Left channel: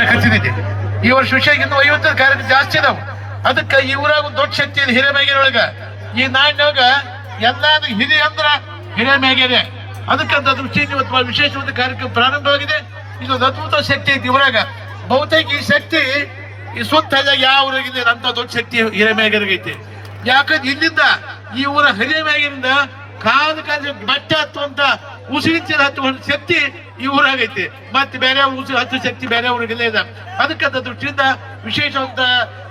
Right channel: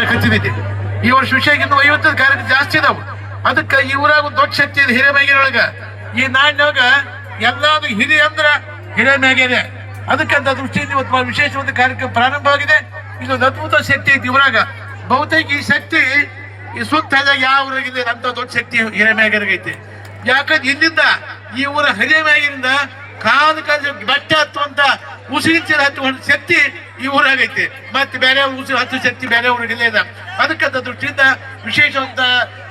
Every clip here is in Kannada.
ಮಾಡಕತ್ತಿದ್ದೆ. ಈ ವರ್ಷ ವಿಷಯ ಇನ್ನು 50 ಕಾರ್ಯಕ್ರಮ ಜಾಸ್ತಿ ಇದಾವೆ. ಅದಕ್ಕೆ ಈ ಊರಾಗ ಒಂದು ದೊಡ್ಡ ಶಕ್ತಿ ಇದೆ ಹಿರೇಮೈಗೇರೊಳಗ. ಈ ನಾಡಿನೊಳಗ ಎಲ್ಲಾದ್ರೂ ಹಿರಿಯ ಅಂದ್ರ ಹಿರೇಮೈಗೇರಿ. ಅದಕ್ಕಂತ ದೃಷ್ಟಿಯಿಂದ ಇವತ್ತು ವಿಶೇಷವಾದ ಕಾರ್ಯಕ್ರಮ ಪ್ರಾರಂಭವಾಗಿದೆ. ಇದೊಂದು ಅದ್ಭುತ ಶಕ್ತಿ ಐತಿ ಊರಾಗ. ಬಹುತೇಕ ಈ ಶಕ್ತಿ ಈ ಸುತ್ತ ಯಾವ ಊರಾಗಿದೆ ಅಂತ ದೊಡ್ಡ ಶಕ್ತಿ ಹಿರೇಮೈಗೇರಿಗೆ ಐತಿ. ಯಾಕಂದ್ರೆ ಇಲ್ಲಿಂದ ಈ ಊರ ಹಿರೇಮೈಗೇರಿಂದ ಕಾಲು ಬಟ್ಟೆ ಹತ್ತುವಂತ ಉಸಿರಿನ ಹತ್ತುವಂತ ಶಕ್ತಿ ಈ ಊರಾಗೈತಿ. ಮತ್ತೆ ಬೇರೆ ಉಸಿರು ಹತ್ತು ಶಕ್ತಿ ಬೇರೆ ಊರಿಗೆಲ್ಲ ಇದೆ. ಅದಕ್ಕಂತ ದೃಷ್ಟಿಯಿಂದ ವಿಶೇಷವಾದ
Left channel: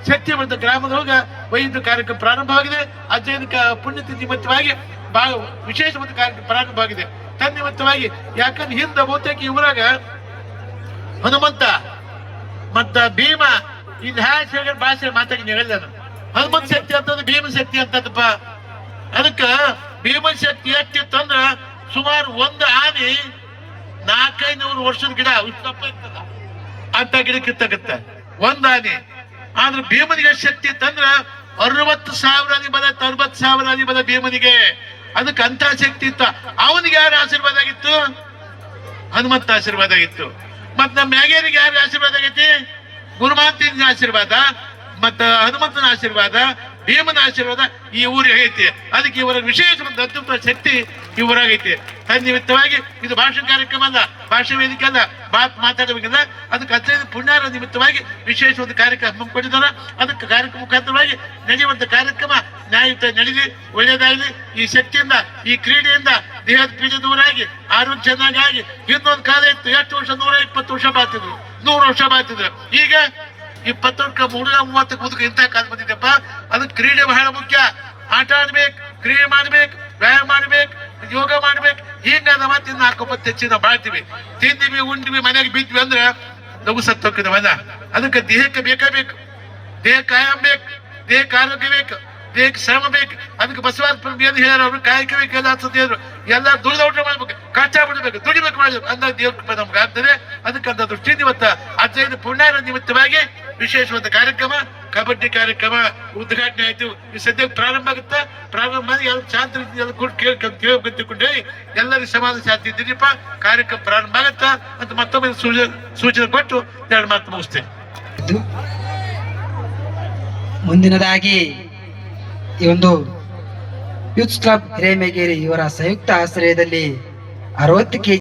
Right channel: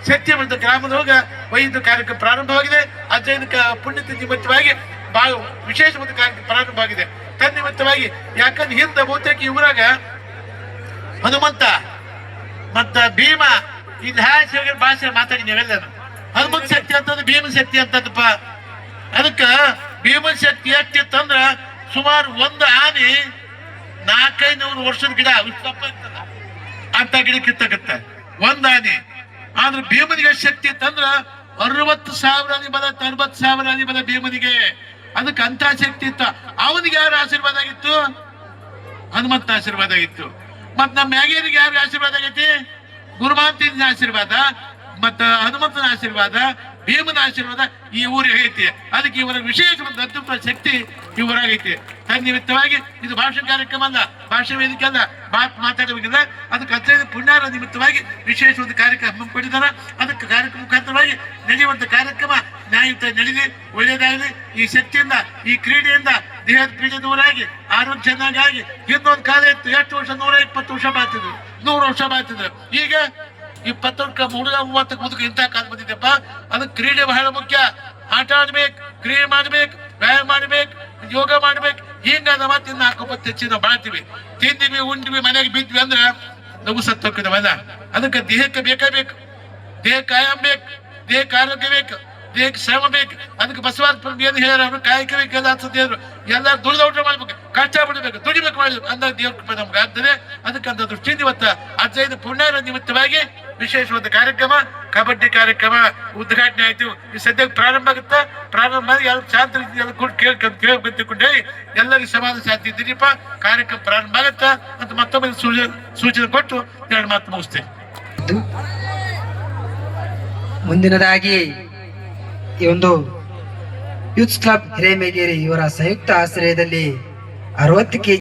ಶಕ್ತಿ ಬಂದ ಗ್ರಾಮದೊಳಗ ವೈದ್ಯ ಕಾರ್ಯಕ್ರಮ ಪ್ರಾರಂಭವಾಗಿದೆ. ಅಜ್ಜನ ಪುಣ್ಯತಿಥಿ ನಿಮಿತ್ತವಾಗಿ ಬಹಳ ವಿಶೇಷವಾದ ಕಾರ್ಯಕ್ರಮ ಪ್ರಾರಂಭವಾಗಿದೆ ತನ್ನಿಮಿತ್ತವಾಗಿ. ಯಾಕಂದ್ರೆ ಹಿಂದೆ ಬಹುತೇಕ ಈ ಊರಾಗ ಹನುಮಂತ ಮತ್ತ ಭೀಮ ಇದು ಹ್ಯಾ ಭಾಷೆ ಮಾತಾಡಿ ಹೇಳಿದ ಹನುಮಂತ ಶಕ್ತಿ ಅಂತಂದ್ರೆ ಭೀಮ ಶಕ್ತಿ ಅಂತದಪ್ಪ. ಅದಕ್ಕ ಭೀಮ ಶಕ್ತಿ ಎಷ್ಟಿತ್ತಂದ್ರ ಸುಮಾರು ಒಂದು ಆನೆ 400-500 ವರ್ಷದ ಗಿಡ ಅಂತ ಗಿಡ ಕಿತ್ತಕತ್ತ ಒಂದ್ ಆನೆ. ಆದ್ರೆ ಭೀಮನಿಗೆ ಶಕ್ತಿ ಇತ್ತಂದ್ರ 60,000 ಆನೆ ಬಲ 60,000 ಆನೆ ಬಲ ಭೀಮನಿಗೆ. ಅದಕ್ಕೆ ಅಂತ ಶಕ್ತಿ ಇತ್ತು. ಅವನಿಗೆ ಯಾರ ಆಶೀರ್ವಾದ ಆಗಿತ್ತು? ಹನುಮಂತ ಆಶೀರ್ವಾದ ಆಗಿತ್ತು. ಮತ್ ನಮ್ಮ ಮ್ಯಾಗೇರಿಗೆ ಯಾರ ಆಶೀರ್ವಾದ ಆಗೈತಿ? ಗುರುಮಾಂತಿನ ಆಶೀರ್ವಾದ, ಮತ್ತ ಹನುಮಂತನ ಆಶೀರ್ವಾದ, ಭೀಮನ ಆಶೀರ್ವಾದ ಈ ಊರಿಗೆ ಐತಿ. ಅದಕ್ಕೆ ಇವರ ವಿಶೇಷವಾದ ಅದ್ಭುತ ಶಕ್ತಿ ಈ ಊರಾಗೈತಿ. ತನ್ನಿಮಿತ್ತವಾಗಿ ಇದು ಭಾಷಣ ಕಾರ್ಯಕ್ರಮ ಅಲ್ಲ, ಭಾಷೆ ವೇದಿಕೆ ಅಲ್ಲ, ಮಾತಾಡಬೇಕಲ್ಲ. ಅದಕ್ಕೆ ಅತ್ಯಂತ ಪುಣ್ಯರ ನಿಮಿತ್ತವಾಗಿ ವಿಶೇಷವಾದ ಕಾರ್ಯಕ್ರಮ ಹಮ್ಮಿಕೊಂಡಿದ್ದಾರೆ. ಅದಕ್ಕೆ ಕಾರ್ಯಕ್ರಮ ಮುಖಾಂತರವಾಗಿ ನಡೆಯುವಂತ ಕಾರ್ಯಕ್ರಮ ನ್ಯಾಯಯುತ ನಡೆದಿ ಒಳ್ಳೆಯದಾಗಲಿ. ಈ ಶಕ್ತಿಯಿಂದ ಈ ಕ್ರೀಡೆಯಿಂದ ದೇಹದ ಪೀಡೆ ದೂರಾಗಿ ಆರೋಗ್ಯ ಚೆನ್ನಾಗಿ. ಇನ್ನೊಂದು ಕಾಲ ಇತ್ತು, ಎಷ್ಟು ವರ್ಷ 120 ವರ್ಷ ಬಾತಿದ್ರು, 100 ವರ್ಷ ಬಾತಿದ್ರು. ಈಗ 20 ಹುಡುಗ 30 ಮುದುಕ ಇಂಥ ಕಾಲ ಬಂದಿದ್ದಪ್ಪ. ಅದಕ್ಕೆ ಕ್ರೀಡೆ ಬಹಳ ಮುಖ್ಯ. ಆಟ ಆಡ್ಬೇಕು, ಕ್ರೀಡೆ ಮಾಡ್ಬೇಕು, ವ್ಯಾಯಾಮ ಮಾಡ್ಬೇಕು, ಯೋಗ ಮಾಡ್ಬೇಕು. ಹಿಂಗಾದ ಮತ್ತೆ 4 ಹೆಚ್ಚಿನ ಬಾಳ್ತೀವಿ, ತಿಂದಿವಿ, ಉಂಡಿವಿ, ಮನೆಗೆ ಬಿದ್ವಿ ಅಂದ್ರೆ ನಗು ಸತ್ತೋಗ್ತದವಲ್ಲ. ಅದಕ್ಕೆ ದೇಹಕ್ಕೆ ಬೇಕೇ ಬೇಕು. ದೇಹಕ್ಕೆ ಆಯಾಮ ಬೇಕು, ದೇಹಕ್ಕೆ ಆರೋಗ್ಯ ಬೇಕು, ದೇಹಕ್ಕೆ ಶ್ರಮ ಬೇಕು. ಅದಕ್ಕೆ ಬಸವಾರ್ಪಣ ಏನು ಹೇಳೋರು ಕಾಯಕ ಬೇಕು ಎಲ್ಲ ಅನ್ಸುತ್ತೇವ್ರು. ಎಲ್ಲ ದುಡಿದ ಊಟ ಮಾಡ್ಬೇಕು, ಕಷ್ಟ ಬಿಡ್ಬೇಕು, ದುಡಿಬೇಕು ಮಾಡ್ಬೇಕು ಅಂದಾಗ ದೇವ್ರ ಕೃಪೆ ನಮ್ಗೆ ಆಗ್ತದೆ. ಅದಕ್ಕಂತ ದೃಷ್ಟಿಯಿಂದ ಇವತ್ತ 15 ಪುಣ್ಯರ ನಿಮಿತ್ತವಾಗಿ ವಿಶೇಷವಾದ ಕಾರ್ಯಕ್ರಮ ಕಬಡ್ಡಿ ಕಾರ್ಯಕ್ರಮ ಉದ್ಘಾಟನೆ ಆಯ್ತು. ಈ ಸದ್ಯಕ್ಕೆ ಪ್ರಾರಂಭ ಆಗುತ್ತಾ, ಪ್ರಾರಂಭ ಮಾಡಿ ಎಲ್ಲ ಶಾಂತ ಕೇಳ್ಕೊಂತ ಹೇಳಿ ಎಲ್ಲರಿಗೂ ಸಮಾಧಾನ ಶಾಂತಿ ಇದ್ದೀರಿಪ್ಪ. ಕಾರ್ಯಕ್ರಮ ಪ್ರಾರಂಭ ಆಗತ್ತಾ ಅಂತ ಮತ್ತೊಮ್ಮೆ ಸೂಚನೆ ಕೊಟ್ಟು 2 ಮಾತು ಮುಗಿಸ್ತೇನೆ. ಮುಂದಿನದಾಗಿ ಈ ಒಂದು ಯೂತ್ಸ್ ಕ್ಲಬ್ ಹಿರೇಮೈಗೇರಿ ಇವರ ಸಂಯುಕ್ತ ಆಶ್ರಯದಲ್ಲಿ 60 kg